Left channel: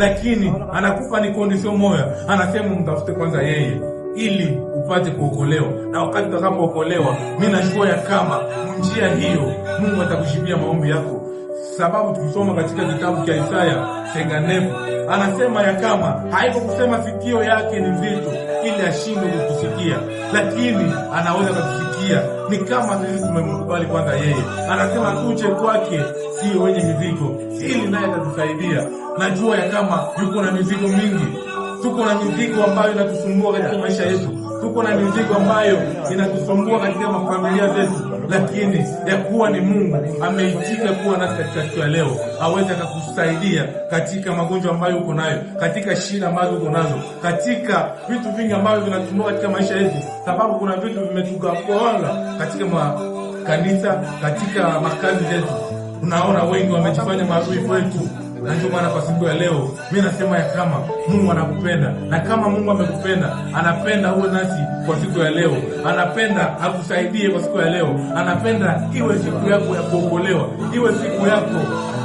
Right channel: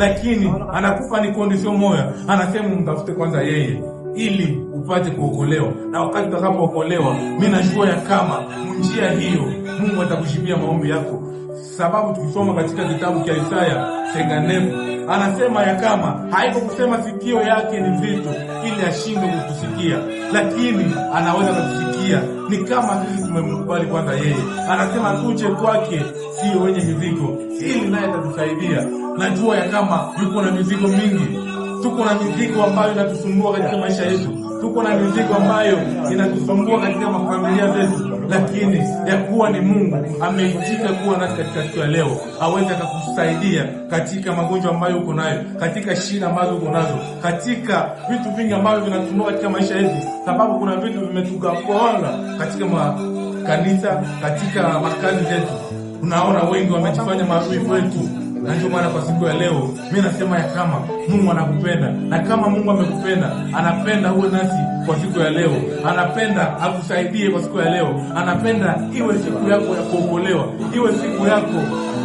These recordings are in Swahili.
lakini anakupa ni condition moja, anasema mtafute kwanza yeye ili upate kuokolewa. Na wakati utakapookolewa, mimi najua ya kama njia hiyo Mungu atakushibia maombi yako. Sababu tukisoma katika kitabu cha Isaya 49 anasema ya kama haiko kusema sikio yake ni nzito ili ashindwe kutusikia, lakini anaweza kutusikia. Ni kama sisi tumemkubali kwanza yeye. Anasema tuje kwake sio wenye mizigo, ili naye atatusaidia. Najua ya kama yuko na mizigo mingi. Tuko na mizigo ambayo inatusumbua katika maisha yetu. Tuko na mizigo ambayo inatusumbua katika mafamilia zetu, lakini ya kuwa ni Mungu ameitika kuwa nasi katika siku ya leo, aweze kukusaidia katika magonjwa ambayo uko nayo, katika shida ambazo uko nazo, katika vitu vingi ambavyo vinatusumbua katika maisha yetu, sababu kuna vitu vimetugawana katika kanisa, katika makazi yetu. Unaona wengi wamejifanya maadui kwetu. Na ndio maana kwa siku ya leo mimi nasema ya kama Mungu anakupenda, na kama Mungu amekupenda, anapenda uwe nasi kwa siku ya leo, anapenda akusaidie kwa siku ya leo, anapenda iwe siku yako ya kuokolewa, iwe siku yako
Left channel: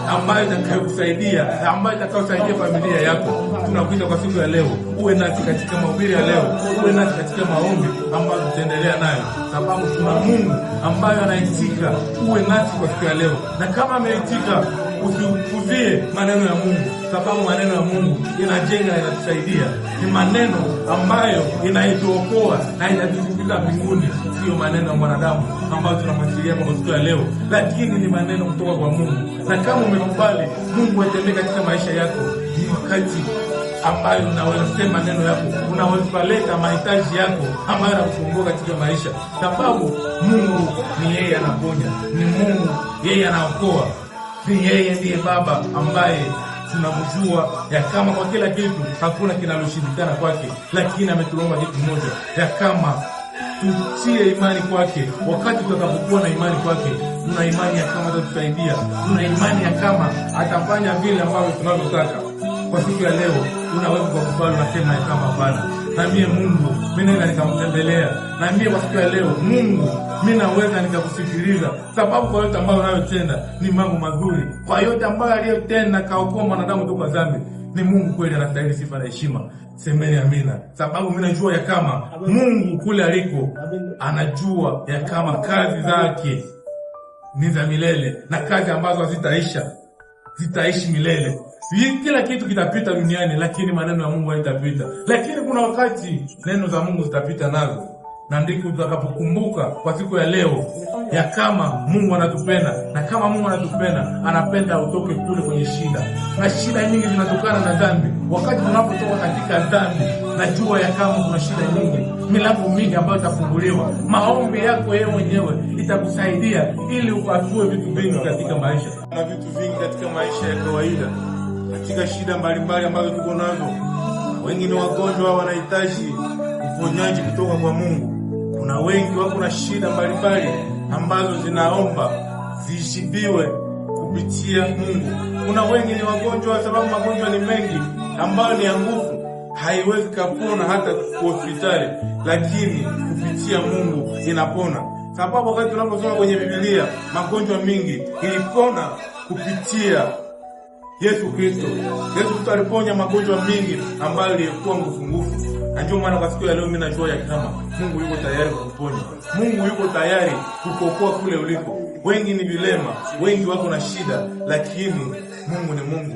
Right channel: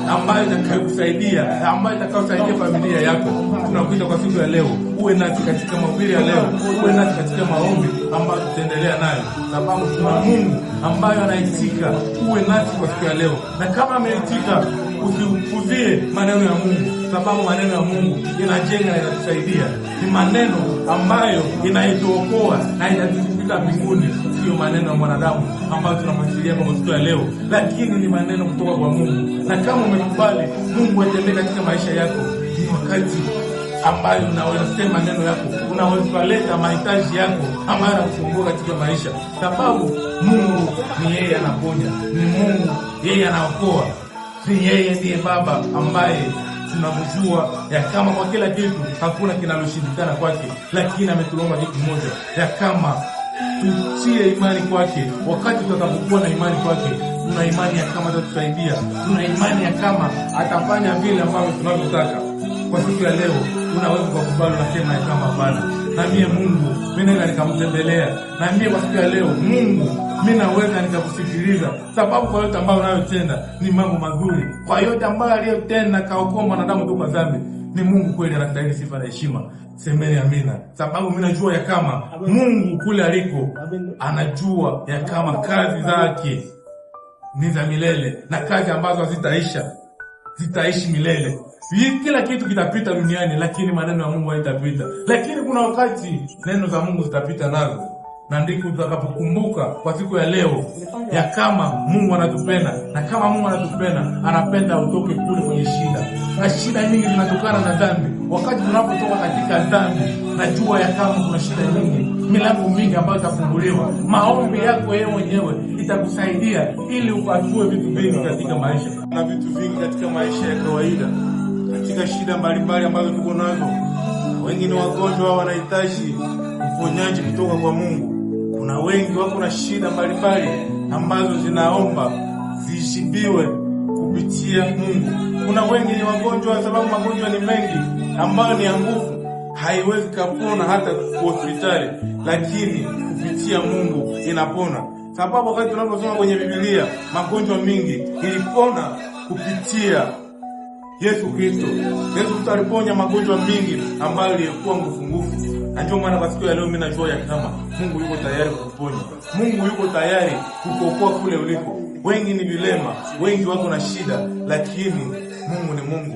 ambayo itakayokusaidia, ambayo itakayosaidia familia yako. Tunakuita kwa siku ya leo uwe nasi katika mahubiri ya leo, uwe nasi katika maombi ambayo tutaendelea nayo, sababu tuna Mungu ambaye anaitika uwe nasi kwa siku ya leo. Na kama ameitika, usipuzie maneno ya Mungu, sababu maneno ya Mungu inajenga na inatusaidia. Ni maneno ambayo inaituokoa na inatufika mbinguni, sio maneno ya mwanadamu ambayo tunamwasilia kwa siku ya leo, lakini ni maneno kutoka kwa Mungu. Na kama umekubali Mungu atembee katika maisha yako, ni wakati ambayo unaweza sema neno yako, unaweza kuleta mahitaji yako ambayo yanakusumbua katika maisha, sababu Mungu ni yeye anaponya, ni Mungu yeye anaokoa, ni yeye ndiye Baba ambaye tunamjua ya kama kwa kila kitu hakuna kinaloshindikana kwake, lakini ametuomba kitu moja, ya kama tutie imani kwake. Wakati tutakapokuwa na imani kwake, tuna imani ya kama atatusaidia, tuna imani ya kama atafanya vile ambavyo tunavyotaka. Kwa siku ya leo unaweza kukubali unasema ya kama Bwana, na mimi Mungu mimi naweza nikamtembelea, na mimi kwa siku ya leo Mungu mimi naweza nikakusikiliza, sababu kwa yote ambayo unayotenda ni mambo mazuri. Kwa yote ambayo aliyotenda kaokoa mwanadamu kutoka dhambi, ni Mungu kweli, anastahili sifa na heshima. Semeni amina. Sababu mimi najua ya kama Mungu kule aliko anajua ya kama kazi zake ni za milele, na kazi ambazo hazitaisha zitaishi milele. Kila kitu kitapita duniani, lakini maneno ya Mungu hayatapita. Lakini kuna wakati neno za Mungu zitapita nazo, na ndiko tutakapokumbuka kwa siku ya leo ya kama Mungu anatupenda. Na kama Mungu anatupenda, anapenda utoke kule kwenye shida. Na shida nyingi zinatokana na dhambi. Wakati tunapotoka katika dhambi, najua ya kama kuna shida nyingi, milango mingi ambayo itafunguliwa. Maombi yako wewe mwenyewe itakusaidia ili upatue vitu vingi katika maisha, na vitu vingi katika maisha ya kawaida, katika shida mbalimbali ambazo tuko nazo. Wengine wagonjwa wanahitaji uponyaji kutoka kwa Mungu. Kuna wengi wako na shida mbalimbali ambazo zinaomba zishibiwe kupitia Mungu. Kuna wengi ni wagonjwa sababu magonjwa ni mengi ambayo ni ya nguvu, haiwezi kupona hata kwa hospitali, lakini kupitia Mungu inapona. Sababu wakati tunaposoma kwenye Biblia, magonjwa mingi ilipona kupitia Yesu Kristo. Yesu aliponya magonjwa mingi ambayo yalikuwa nguvu. Na ndio maana kwa siku ya leo mimi najua ya kama Mungu yuko tayari kukuponya. Mungu yuko tayari kukuokoa kule uliko. Wengi ni vilema, wengi wako na shida, lakini Mungu ni Mungu.